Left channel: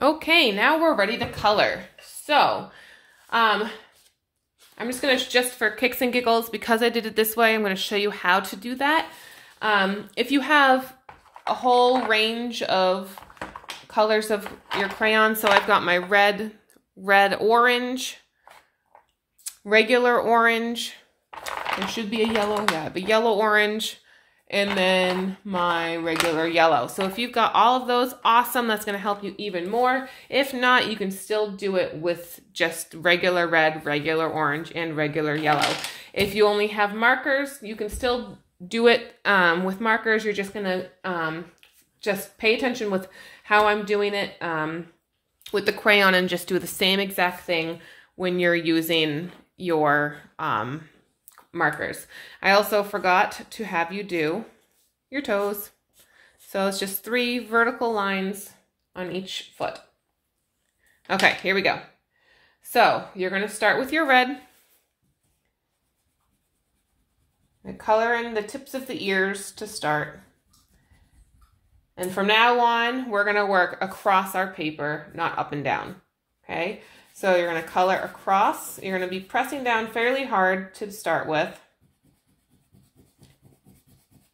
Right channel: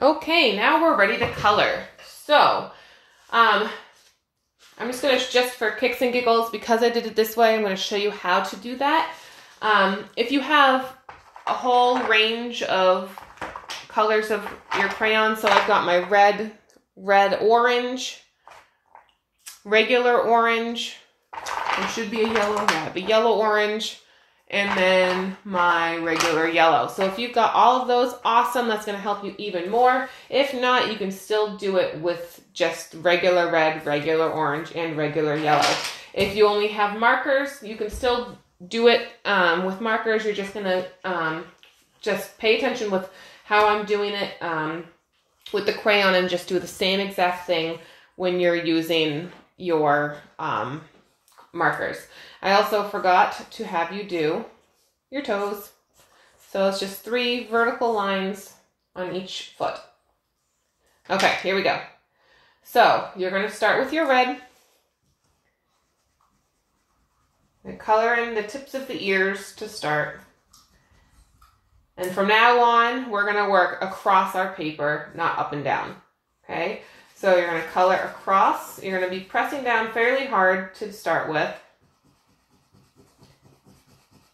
Okay, now we're ready to color. So, I'm just gonna, just for kicks and giggles, because I did it this way, I'm gonna show you how to do that. If you have a whole range of colors of your crayons, so I've got my red, orange, regular orange, there should be a yellow, yeah, the yellow orange, and then my regular yellow. So if you've got all of those, awesome, that's gonna help you even more. If not, you can still do it with just regular red, regular orange, and regular yellow. If you only have markers, you can still do it with markers. You're just gonna just pay attention with how I'm doing it with the crayon and just do the same exact thing when you're using your markers. I also forgot to have you do your toes. So it's just 3 vertical lines on each foot. Okay, here we go. So you're going to start with your red. And color in the tips of the ears to start. And from now on, we're going to work across our paper, not up and down. Okay? So you're going to color across. You're going to be pressing down fairly hard to start with.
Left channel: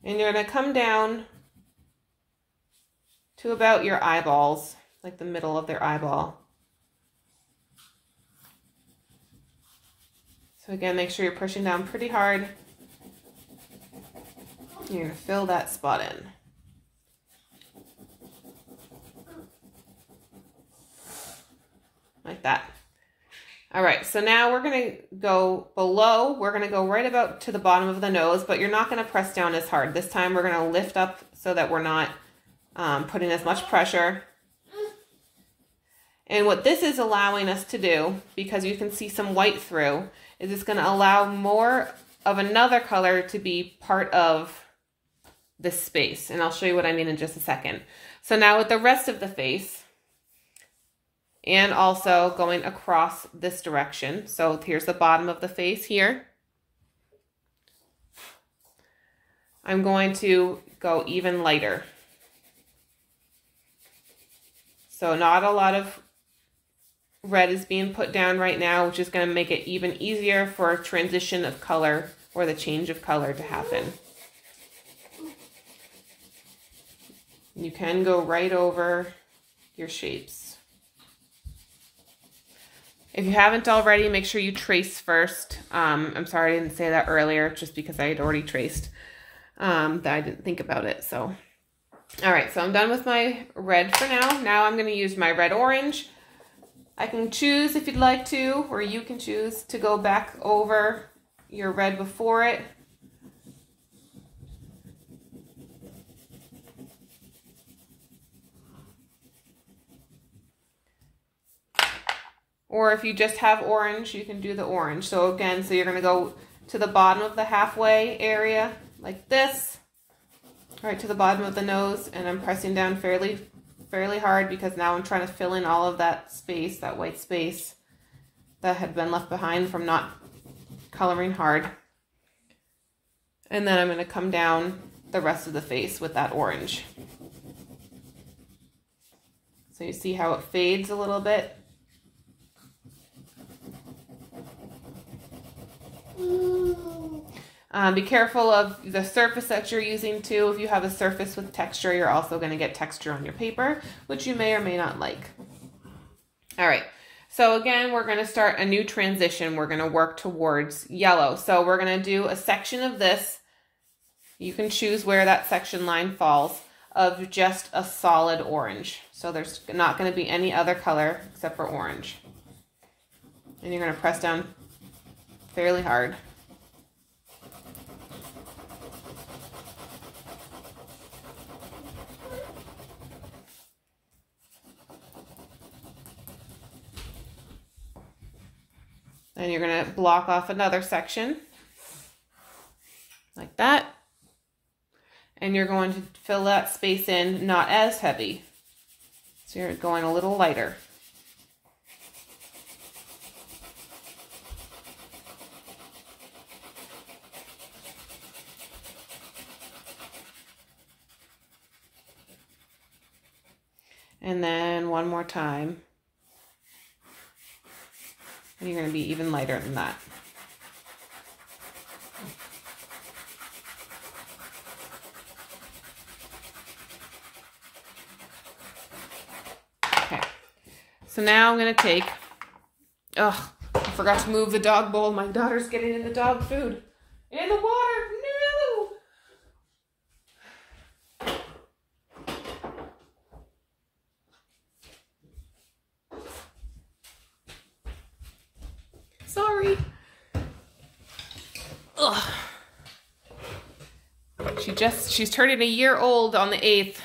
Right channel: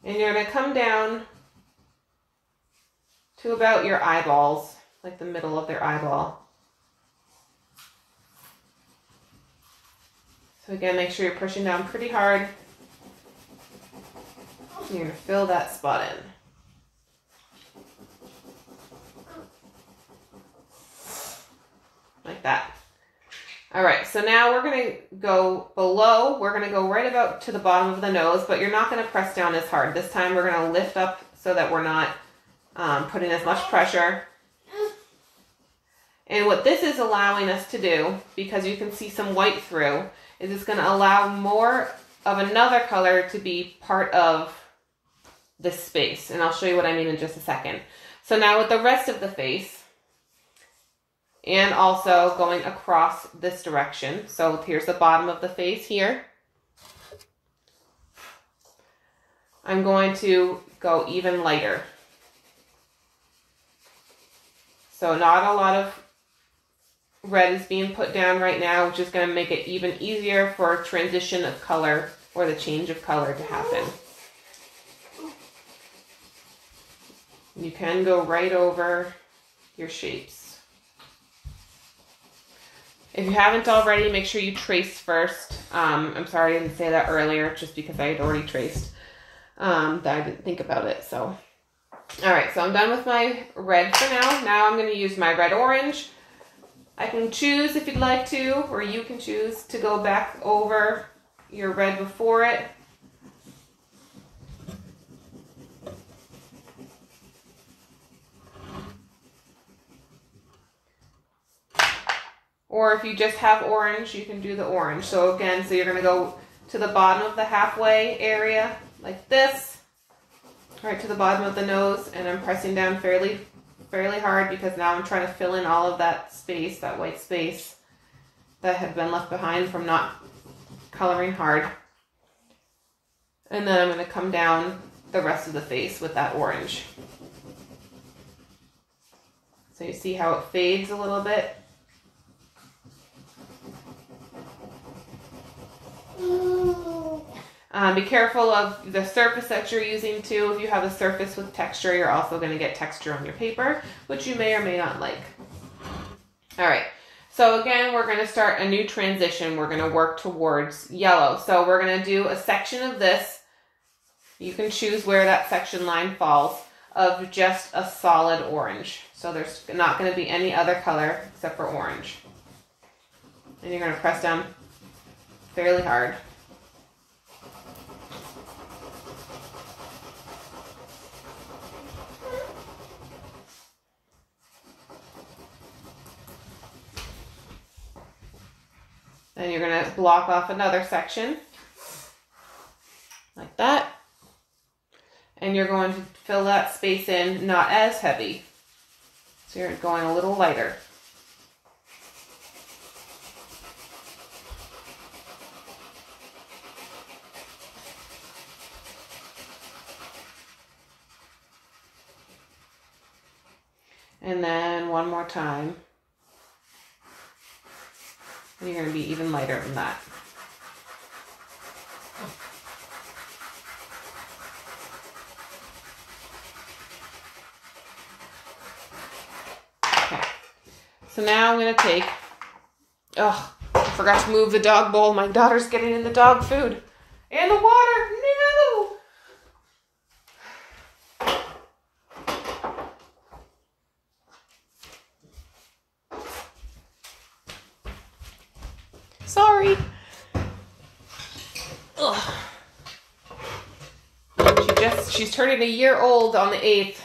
And you're going to come down to about your eyeballs, like the middle of their eyeball. So again, make sure you're pushing down pretty hard. You're going to fill that spot in. Like that. All right, so now we're going to go below. We're going to go right about to the bottom of the nose, but you're not going to press down as hard. This time we're going to lift up so that we're not putting as much pressure. And what this is allowing us to do, because you can see some white through, is it's going to allow more of another color to be part of this space. And I'll show you what I mean in just a second. So now with the rest of the face, and also going across this direction. So here's the bottom of the face here. I'm going to go even lighter. So not a lot of red is being put down right now, which is going to make it even easier for transition of color or the change of color to happen. You can go right over your shapes. If you haven't already, make sure you trace first. I'm sorry I didn't say that earlier, just because I had already traced. That I didn't think about it, so. All right, so I'm done with my red for now. Now I'm gonna use my red-orange. I can choose if you'd like to, or you can choose to go back over your red before it. Or if you just have orange, you can do the orange. So again, so you're going to go to the bottom of the halfway area like this, right to the bottom of the nose, and I'm pressing down fairly hard because now I'm trying to fill in all of that space, that white space that had been left behind from not coloring hard. And then I'm going to come down the rest of the face with that orange. So you see how it fades a little bit? Be careful of the surface that you're using too. If you have a surface with texture, you're also going to get texture on your paper, which you may or may not like. All right, so again, we're going to start a new transition. We're going to work towards yellow. So we're going to do a section of this. You can choose where that section line falls, of just a solid orange. So there's not going to be any other color except for orange. And you're going to press down fairly hard. Then you're going to block off another section like that. And you're going to fill that space in, not as heavy. So you're going a little lighter. And And then one more time. And you're going to be even lighter than that. Okay. So now I'm going to take, oh, I forgot to move the dog bowl. My daughter's getting in the dog food. And the water. No! Sorry. Ugh. She's turning a year old on the 8th.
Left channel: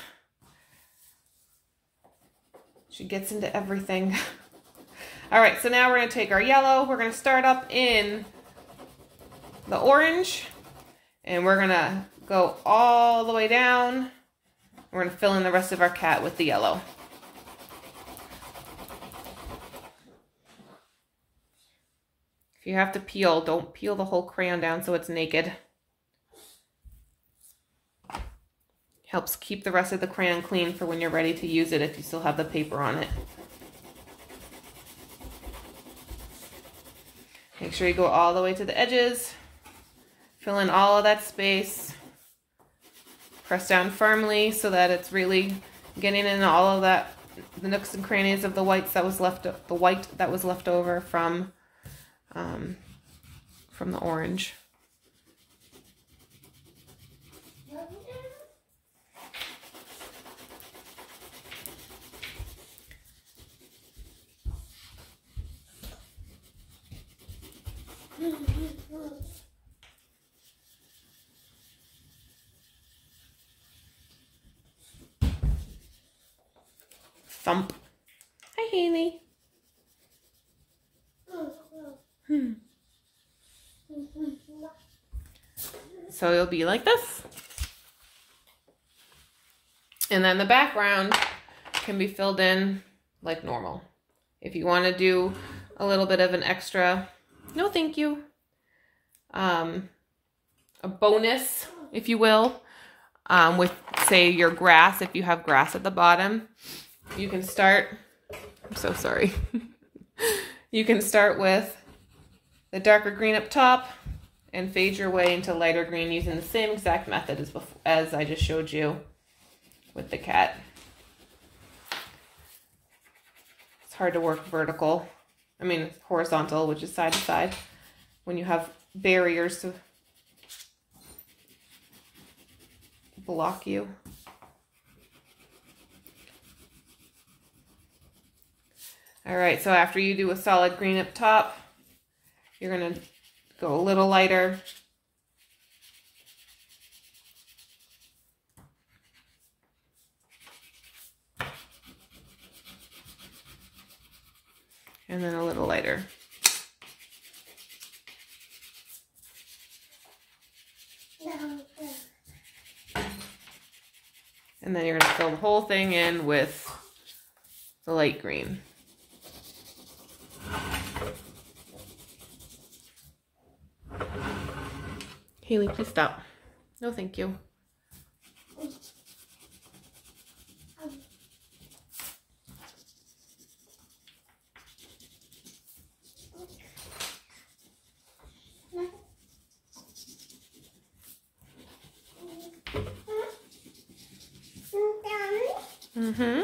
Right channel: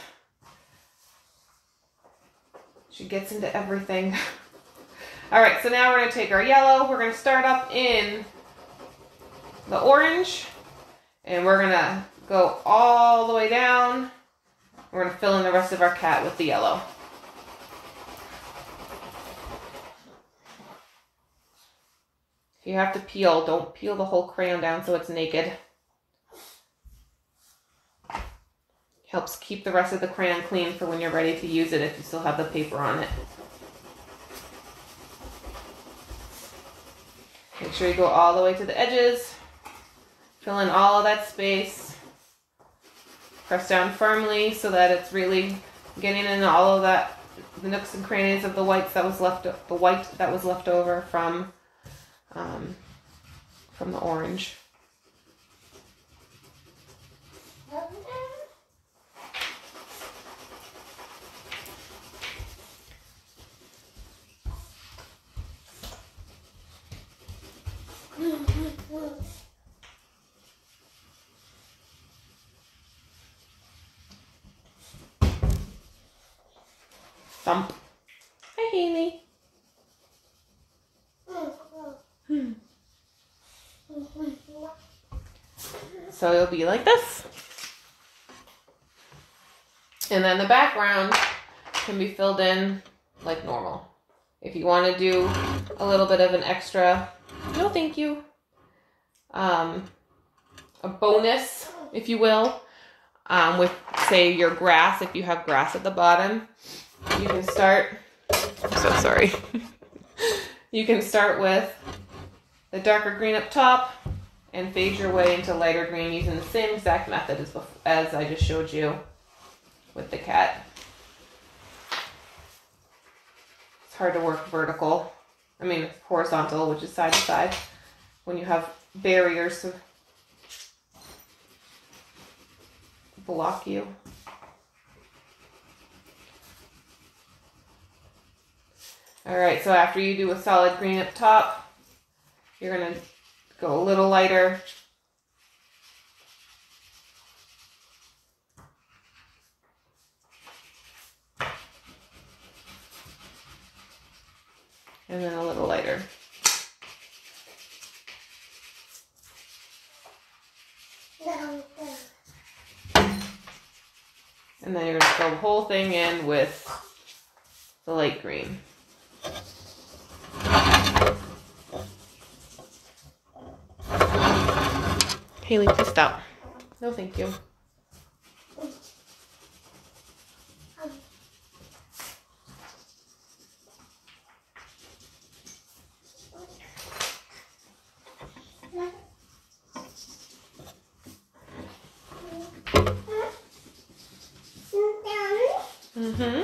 She gets into everything. All right, so now we're gonna take our yellow. We're gonna start up in the orange, and we're gonna go all the way down. We're gonna fill in the rest of our cat with the yellow. If you have to peel, don't peel the whole crayon down so it's naked. Helps keep the rest of the crayon clean for when you're ready to use it if you still have the paper on it. Make sure you go all the way to the edges. Fill in all of that space. Press down firmly so that it's really getting in all of that, the nooks and crannies of the white that was left over from the orange. Thump. Hi, Haley. So it'll be like this. And then the background can be filled in like normal. If you want to do a little bit of an extra, no thank you, a bonus, if you will, with, say, your grass, if you have grass at the bottom, you can start, I'm so sorry, you can start with the darker green up top and fade your way into lighter green using the same exact method as I just showed you with the cat. It's hard to work vertical. I mean, horizontal, which is side to side, when you have barriers to block you. All right, so after you do a solid green up top, you're gonna go a little lighter. And then a little lighter. And then you're going to fill the whole thing in with the light green. Haley, please stop. No, thank you. Mm-hmm.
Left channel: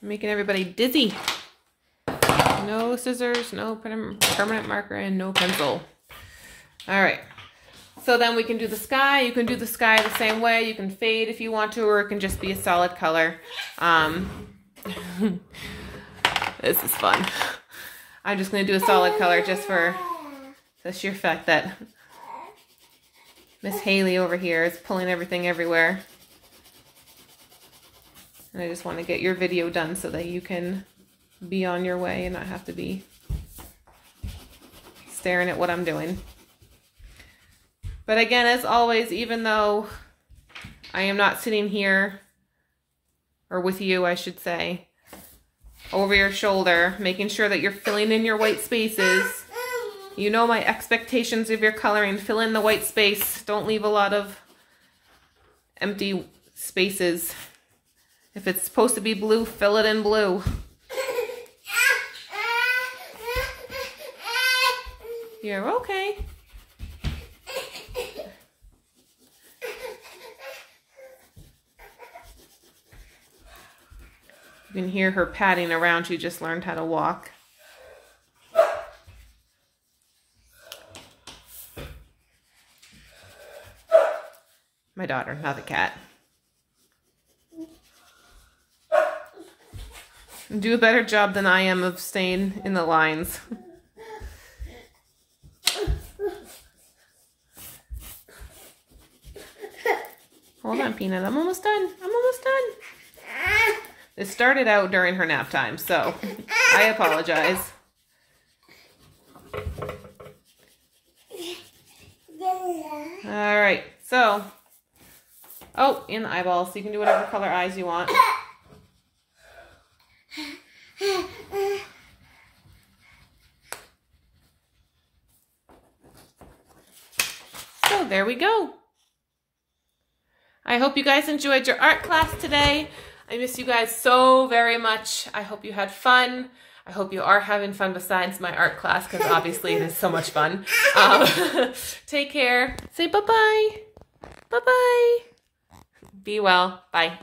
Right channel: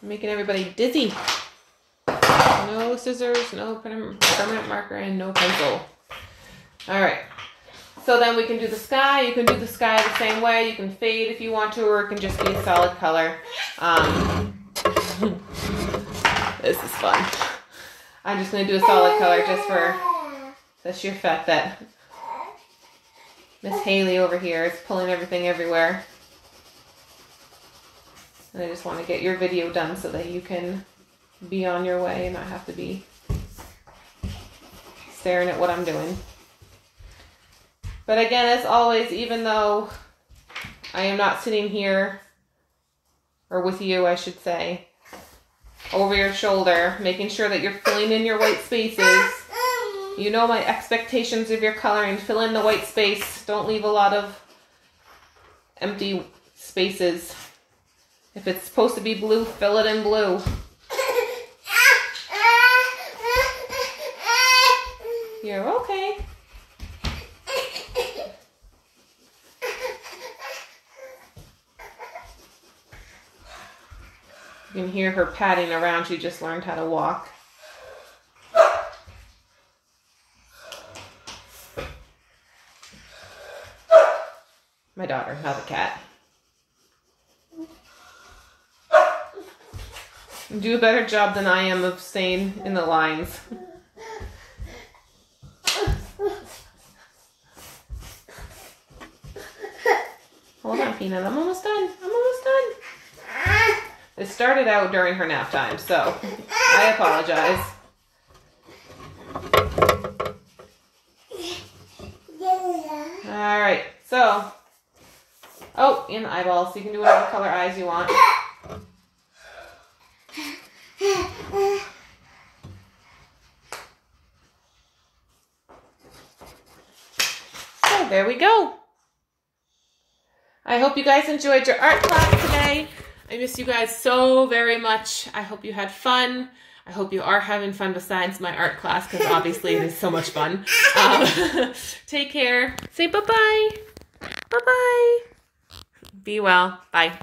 Making everybody dizzy. No scissors, no permanent marker, and no pencil. All right. So then we can do the sky. You can do the sky the same way. You can fade if you want to, or it can just be a solid color. This is fun. I'm just going to do a solid color just for the sheer fact that Miss Haley over here is pulling everything everywhere. And I just want to get your video done so that you can be on your way and not have to be staring at what I'm doing. But again, as always, even though I am not sitting here, or with you, I should say, over your shoulder, making sure that you're filling in your white spaces. You know my expectations of your coloring. Fill in the white space. Don't leave a lot of empty spaces. If it's supposed to be blue, fill it in blue. You're okay. You can hear her padding around. She just learned how to walk. My daughter, not the cat. Do a better job than I am of staying in the lines. Hold on, Peanut. I'm almost done. I'm almost done. It started out during her nap time, so I apologize. All right, so, oh, in the eyeballs, so you can do whatever color eyes you want. So there we go. I hope you guys enjoyed your art class today. I miss you guys so very much. I hope you had fun. I hope you are having fun besides my art class, because obviously it is so much fun. Take care. Say bye-bye. Bye-bye. Be well. Bye.